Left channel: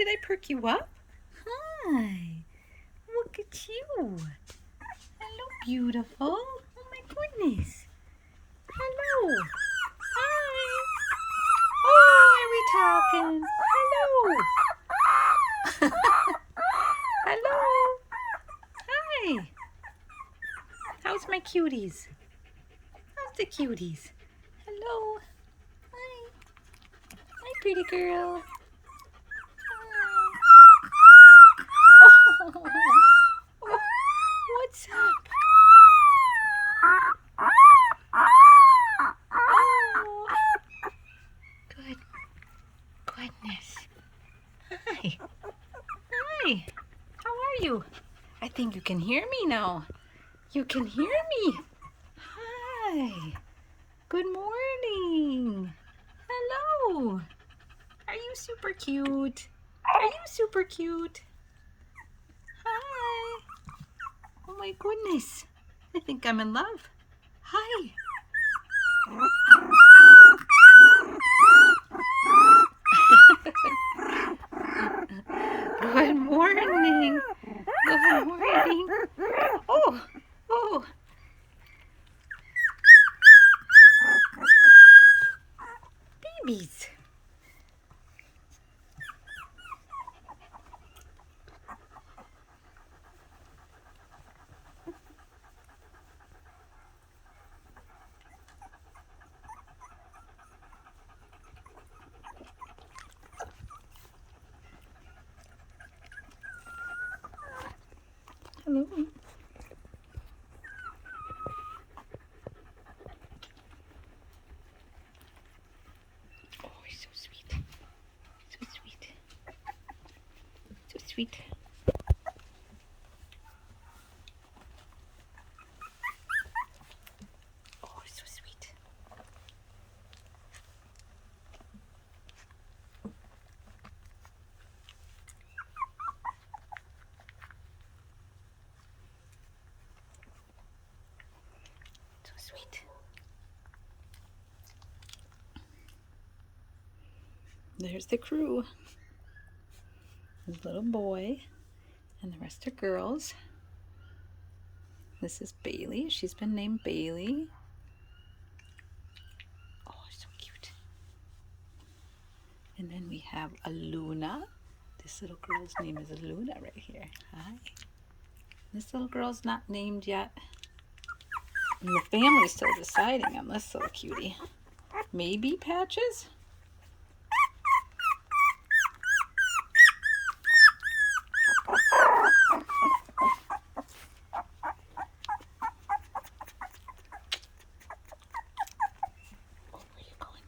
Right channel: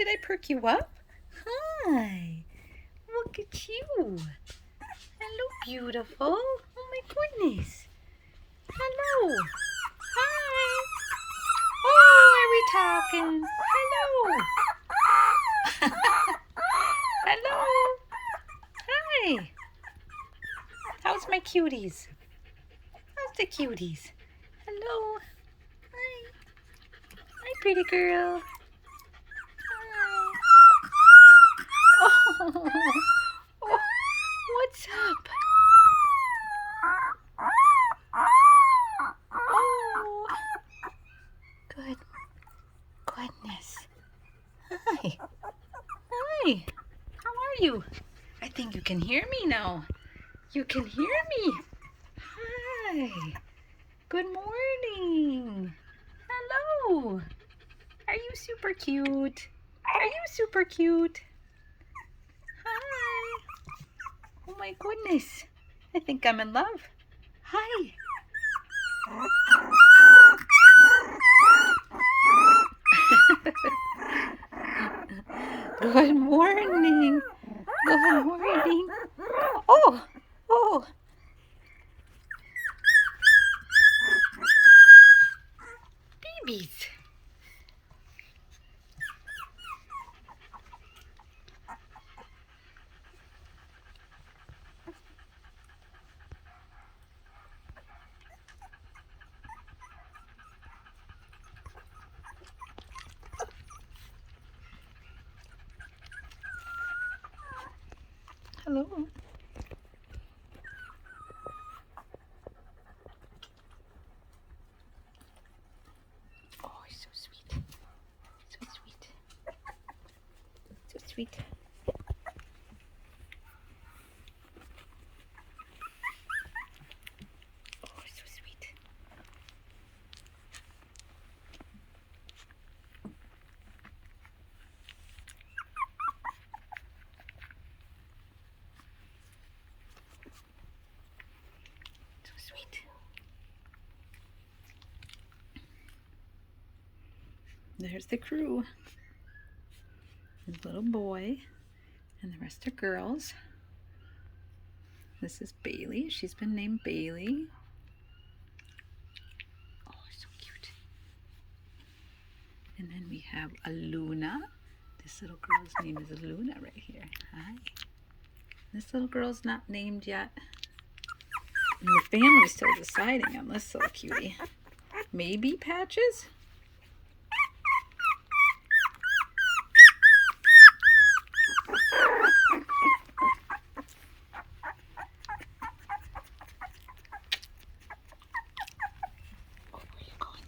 did I perk you up? Hi. Look at you. Hello, beautiful. Oh my goodness. Hello. Hi. Oh, are we talking? Hello. Hello. Hi. How's my cuties? How's the cuties? Hello. Hi. Hi, pretty girl. Hi. Oh, what's up? Oh, good goodness. Hi. Hi. How are you? I think you can hear me now. You can hear me. Hi. Good morning. Hello. Are you super cute? Are you super cute? Hi. Oh my goodness. I think I'm in love. Hi. Good morning. Good morning. Oh, oh. Babies. Hello. Oh, he's so sweet. So sweet. So sweet. Oh, so sweet. So sweet. There's the crew. His little boy and the rest are girls. This is Bailey. She's been named Bailey. Oh, so cute. And then we have a Luna. This little girl's name is Luna right here. Hi. This little girl's not named yet. And the family's still deciding on this little cutie. Maybe Patches? Oh, where are you going?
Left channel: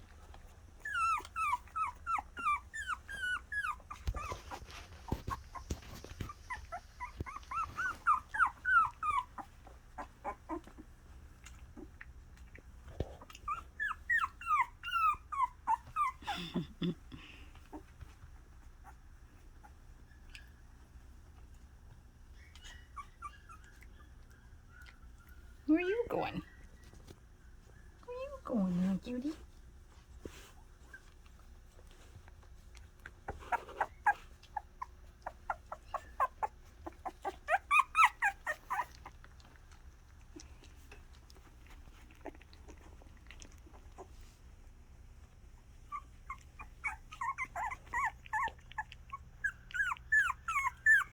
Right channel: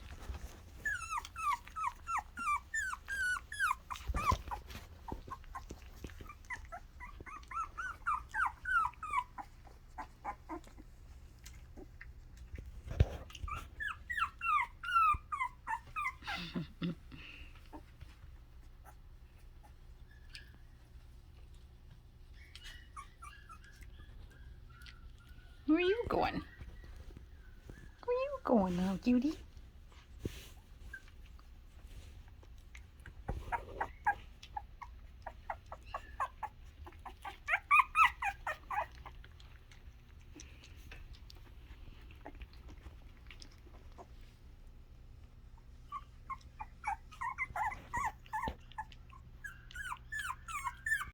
Where are you going? Where are you going, little cutie?